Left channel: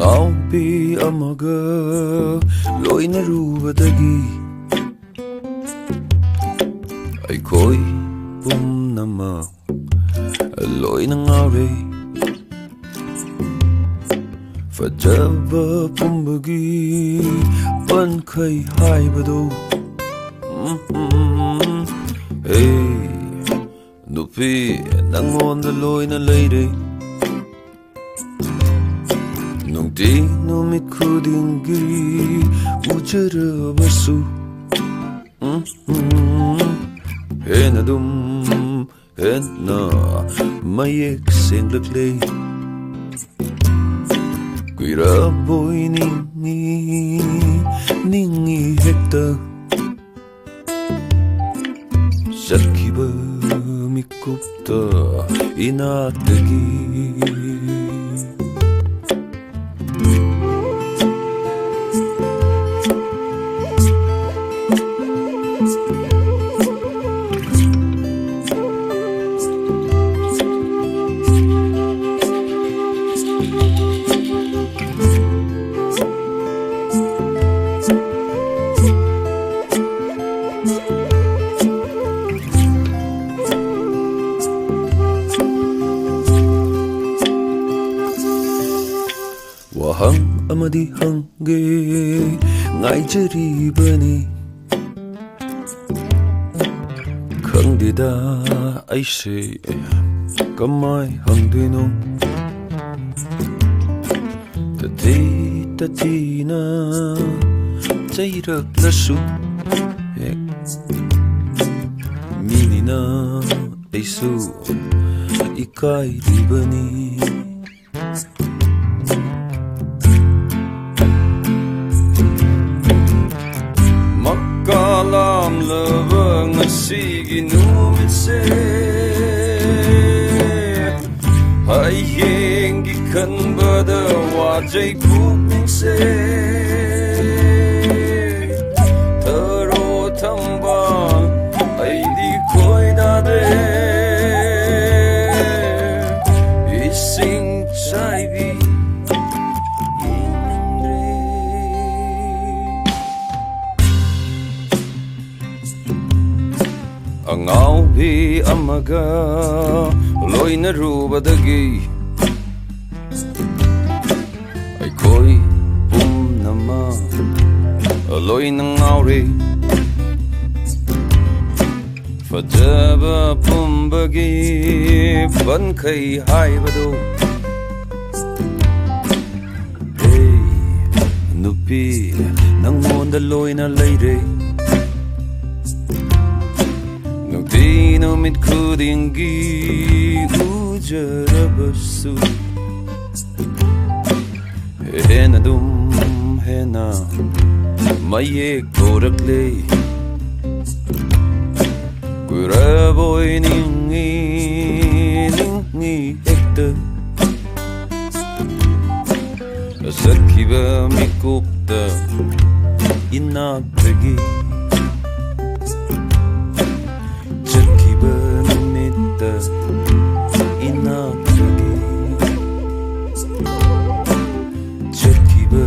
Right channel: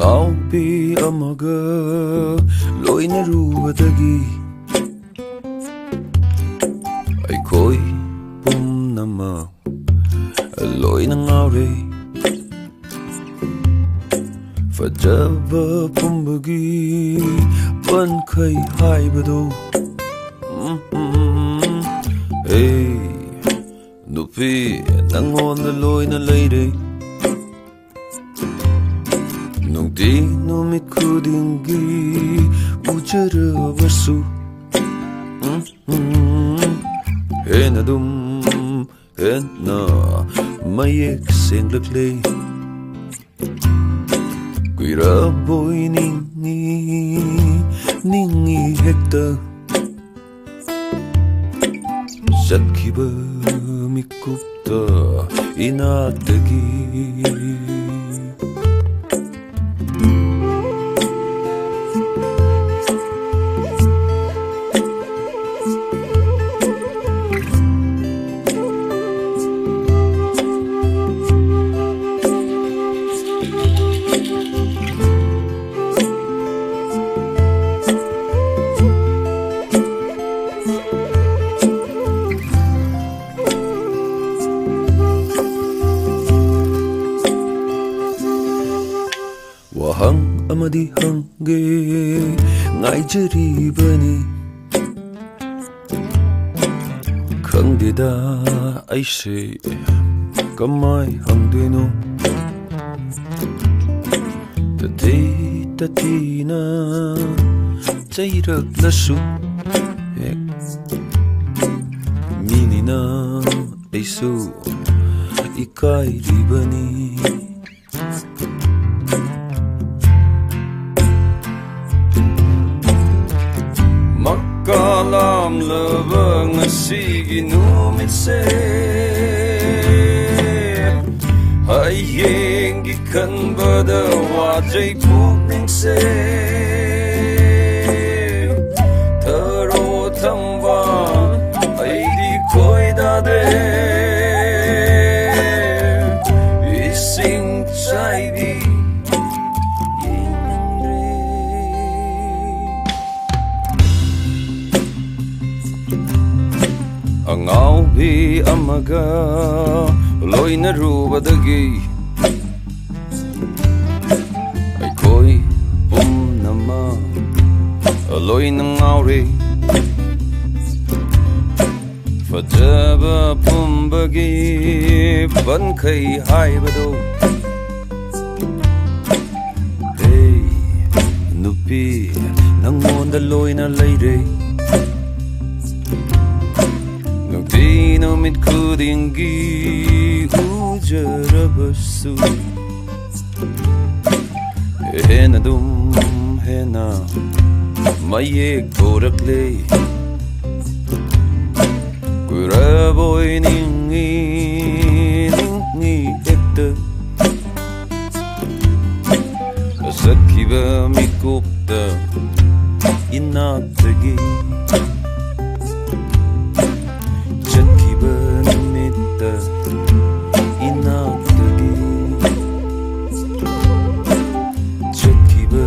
ꯑꯉꯥꯎꯕꯤ ꯑꯃꯒ ꯂꯣꯏꯅꯔꯨꯕꯗꯒꯤ ꯑꯩꯈꯣꯏ ꯄꯨꯝꯅꯃꯛ ꯂꯣꯏꯅ ꯉꯥꯎꯔꯦ ꯐꯖꯕ ꯄꯨꯝꯕꯒꯤ ꯄꯟꯈꯩ ꯍꯥꯏꯕꯗꯣ Hey 누피 낭원들 로이나 레이레 농디 노밋 쿠딩기 우저러 버수 헤나둠 헤나 마이엑 생각레 귀라 보이닝이 닝이 헥다 Zatkiba mikupta inatagi Wahang amadi hangge ngaijribani khangdida aise kamai hangdeno tatina chairak lasu hek minina aisu ikai ribani Makalam labang asigi numitse Hayeng gikan bada wajay pukningse Taro tamba ay di ko'y dade Ising chay di Angaubi amaga loinarubadagi Aikoi pumnama loinangauri Fajaba pumbagi bankai haibado Hey nupi nangonda loina leire Nungti nomit kudingi ujara basu Hena dum hena mayek korakle Kura boy ningi ekta Sakiba mikupta inatagi Namitta inatagi Chakiba